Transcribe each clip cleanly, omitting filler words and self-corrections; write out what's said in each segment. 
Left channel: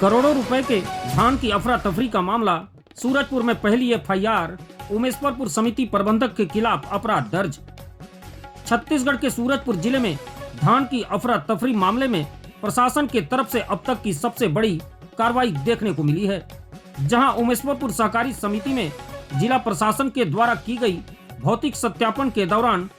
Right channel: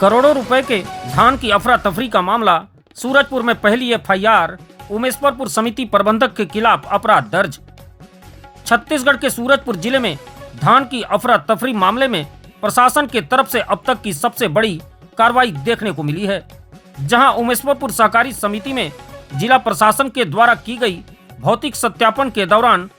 करोड़ों रुपए के धान की अफरा तफरी का मामला। सूरजपुर में पहली एफआईआर। उमेशपुर समिति प्रबंधक के खिलाफ अपराध दर्ज। छत्तीसगढ़ के सूरजपुर जिले में धान की अफरा तफरी मामले में प्रशासन के तरफ से अब तक की सबसे बड़ी कार्रवाई देखने को मिली है, जहां उमेशपुर सहकारी समिति में जिला प्रशासन के द्वारा की गई भौतिक सत्यापन के दौरान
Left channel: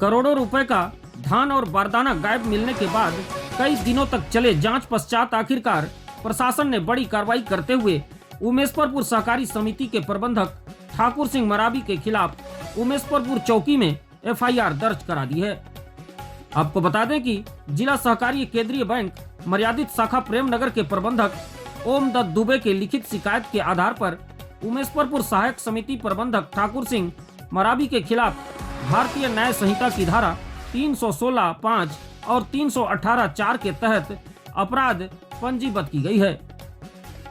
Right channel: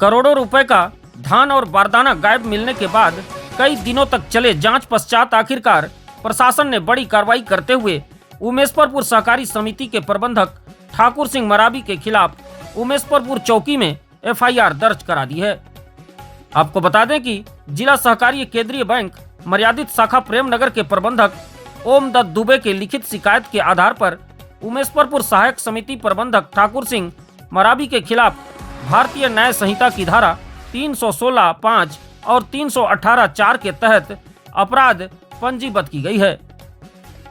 करोड़ों रुपए का धान और बारदाना गायब मिलने के बाद कई दिनों तक चले जांच पश्चात आखिरकार प्रशासन ने बड़ी कार्रवाई करते हुए उमेशपुर सहकारी समिति के प्रबंधक ठाकुर सिंह मरावी के खिलाफ उमेशपुर चौकी में एफआईआर दर्ज करा दी है। आपको बता दें कि जिला सहकारी केंद्रीय बैंक मर्यादित शाखा प्रेमनगर के प्रबंधक ओम दत्त दुबे के लिखित शिकायत के आधार पर उमेशपुर सहायक समिति प्रबंधक ठाकुर सिंह मरावी के खिलाफ भारतीय न्याय संहिता की धारा 316(5) और 318(4) के तहत अपराध पंजीबद्ध की गई है।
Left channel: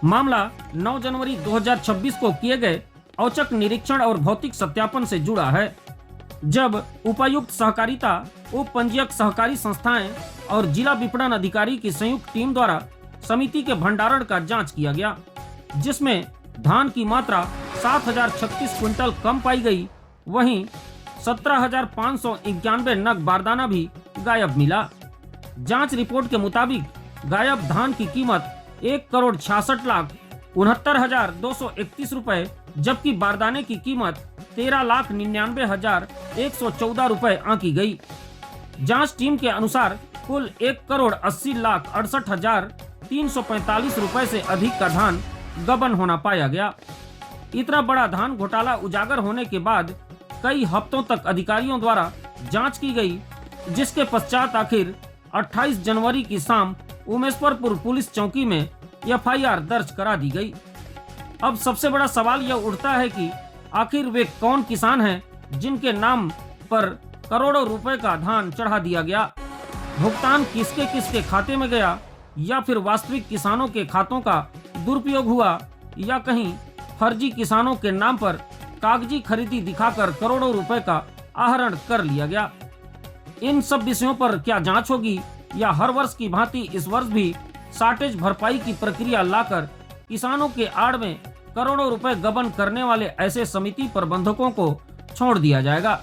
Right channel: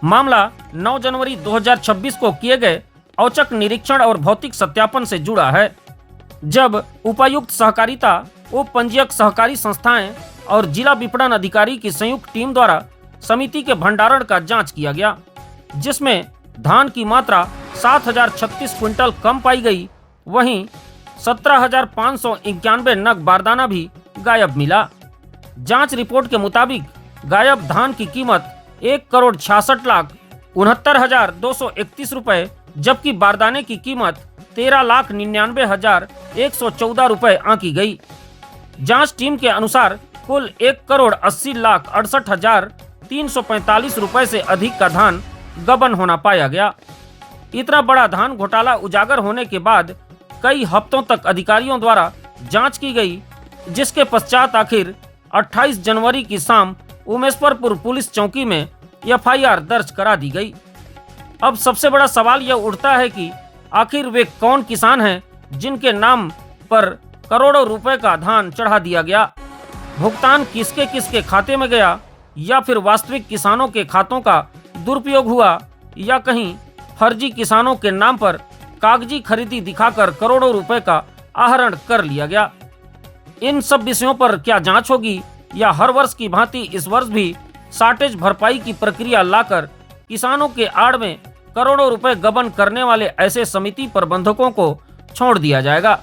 मामला 9 जनवरी 2026 को किए गए औचक निरीक्षण और भौतिक सत्यापन से जुड़ा है, जब उपायुक्त सहकारिता, उप पंजीयक सहकारी संस्थाएं और जिला विपणन अधिकारी की संयुक्त टीम द्वारा समिति के भंडारण का जांच किया गया, जिसमें धान की मात्रा 7036 क्विंटल कम पाई गई। वहीं 17,591 नग बारदाना भी गायब मिला। जांच रिपोर्ट के मुताबिक गायब धान की कीमत 1,66,69,231 रुपए, जबकि बारदाने की कीमत 13,99,114 रुपए आंकी गई। जांच टीम के अनुसार कुल 1,80,68,345 रुपए से अधिक का धान गबन होना पाया गया। इतना बड़ा धान घोटाला उजागर होने के बाद कई हफ्तों तक अधिकारियों द्वारा जांच की गई, जिसके पश्चात आखिर 28 जनवरी की शाम उमेशपुर पुलिस चौकी में एफआईआर दर्ज करा दी गई। अब सबसे बड़ा सवाल यह उठता है कि आखिर वे कौन किसान हैं जिनके नाम पर करोड़ों रुपए का धान चढ़ा दिया गया। भुगतान किसके किसके खाते में गया, या फिर वास्तविक किसानों के खातों का दुरुपयोग हुआ, या कहीं फर्जी किसानों के नाम पर कागजी खरीदी दिखाकर करोड़ों रुपए का आहरण कर लिया गया। इन सब विषयों पर क्या जांच होगी, या हर वर्ष की भांति इस वर्ष भी शार्टेज भरपाई की प्रक्रिया लाकर किसानों के आड़ में करोड़ों रुपए गबन करने वाले ऐसे समिति प्रबंधकों को छोड़ दिया जाएगा।